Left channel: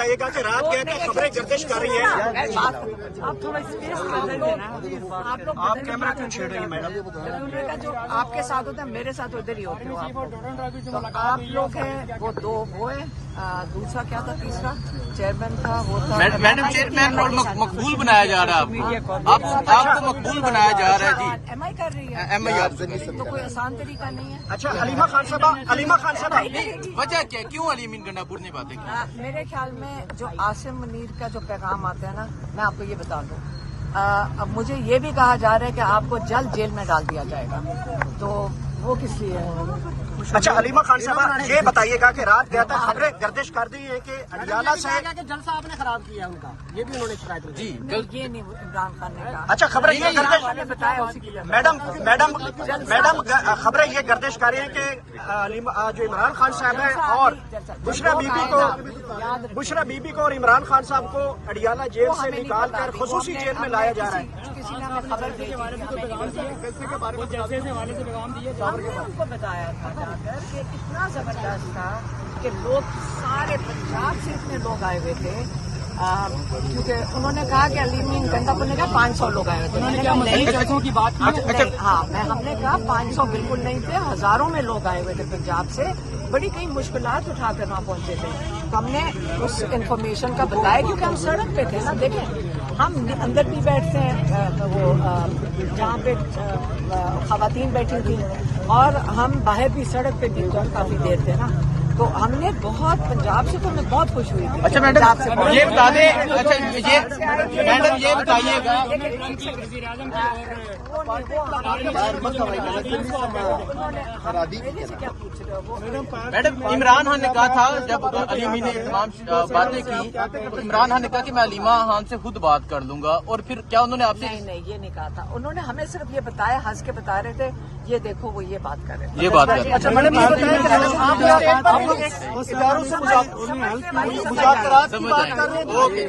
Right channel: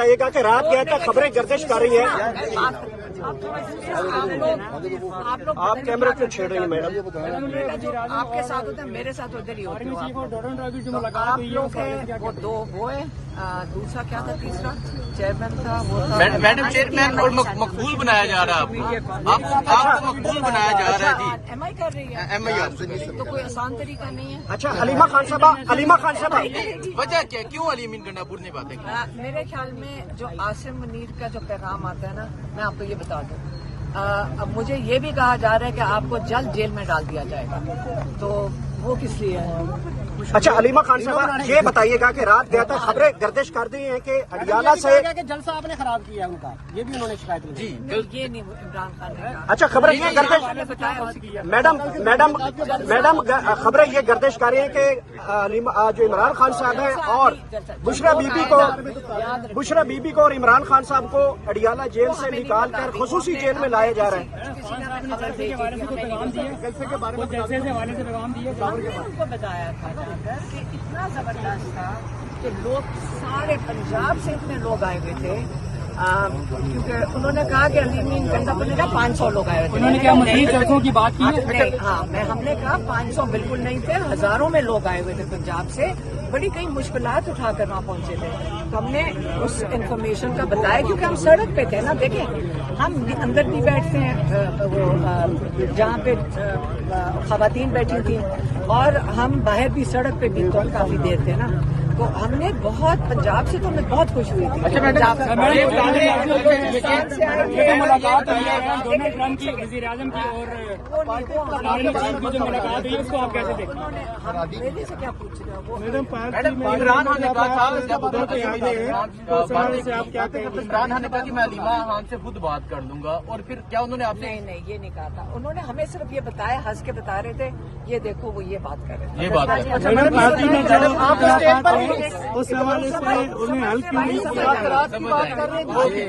بتائیے گا کہ رات کیا تک خبریں گردش کر رہی ہیں. آپ کیمرہ کیوں چھیڑ رہی ہیں میڈم؟ جو آپ کے ساتھ ہوتا ہے میرے ساتھ ادھر ہی ہوتی ہو. آپ لوگ ہیں وہ دو وہ ہے، دوسرا کیا تھا تیسرا چیئرمین کا وہ تھا. میڈم چیئرمین اور مقبول بنایا جا رہا ہے آپ کو مقبول بنایا جا رہا ہے. جی ایم آئی کر رہی ہے. ایم آئی آپ تو کوئی آسان طریقہ نہیں ہے. اچھا حلیمہ خان صاحبہ وجہ کیا کیوں علی امین گنڈاپور نے باتیں کی؟ میرے خیال میں جو عاصم منیر کا جو پیغام آتا ہے نا، میں آپ کو یہ بتا دوں، اب مجھے یہ بھی کہا جا رہا ہے کہ آپ کو جلد جیل میں ڈال دیا جائے گا، تو وہ کس لیے ہے؟ اچھا حلیمہ خان صاحبہ یہ بتائیے گا کہ رات گیا تھا خبریں گردش کر دی ہیں کہ اڈیالہ سے جل صاحب نے خراب کیا ہے ان کا، یہ بھی انہوں نے شکایت کی. جی یہ نہیں عمران خان نے کہا. اچھا خبریں یہ گردش نے بتایا اسی کی. میڈم خبریں یہ گردش کر رہی ہیں کہ جو عمران خان صاحب ہیں اور بشرا بی بی کو اور عمران خان صاحب کو اڈیالہ جیل سے نکال کر خصوصی جیل میں لایا جا رہا ہے. کسی نے ہمیں خبر بھیجی تھی، ہمیں نہیں ان کو بتایا تھا کہ اتنا زبردست تھا کہ لوگ سارے پنجاب سے اتنے لوگ آئے ہوئے تھے، کیونکہ انہوں نے کہا کہ علی امین گنڈاپور نے کہا 500 لوگ آئے ہوئے تھے. میں نے کہا نہیں، ہم نے کہا 500 بالکل نہیں تھے، ہزاروں میں لوگ آئے ہوئے تھے پنجاب سے، بڑی کئی مشکلات اٹھا کر وہاں پہنچے تھے. تو ہم نے اس انفارمیشن کا بتایا کیونکہ ہم سڑک پہ تھے نا. دیکھیں ہم اندر بھی بیٹھتے ہیں، وہ جہاں پہ خواتین بیٹھی تھیں، اور ہم باہر بھی سڑک پہ بھی کافی دیر تھے نا. تو ہم نے بہت پنجاب سے تو ہمیں بہت خوش ہوئی تھی. اچھا میڈم یہ بتا دیں میڈم عمران خان نے کہا تھا جب علی امین نے باتیں کی، عمران خان نے کہا کہ میں علیمہ خان سے خود بات کر لوں گا، اور پھر کیا انہوں نے آپ سے؟ نہیں یہ نہیں کہا تھا. انہوں نے ہمیں صرف یہ بتایا، ہنس کے بتا رہے تھے یہ دیکھو وہ یہ بات کر رہے تھے. یہ بات کر سمجھ آئے. اوکے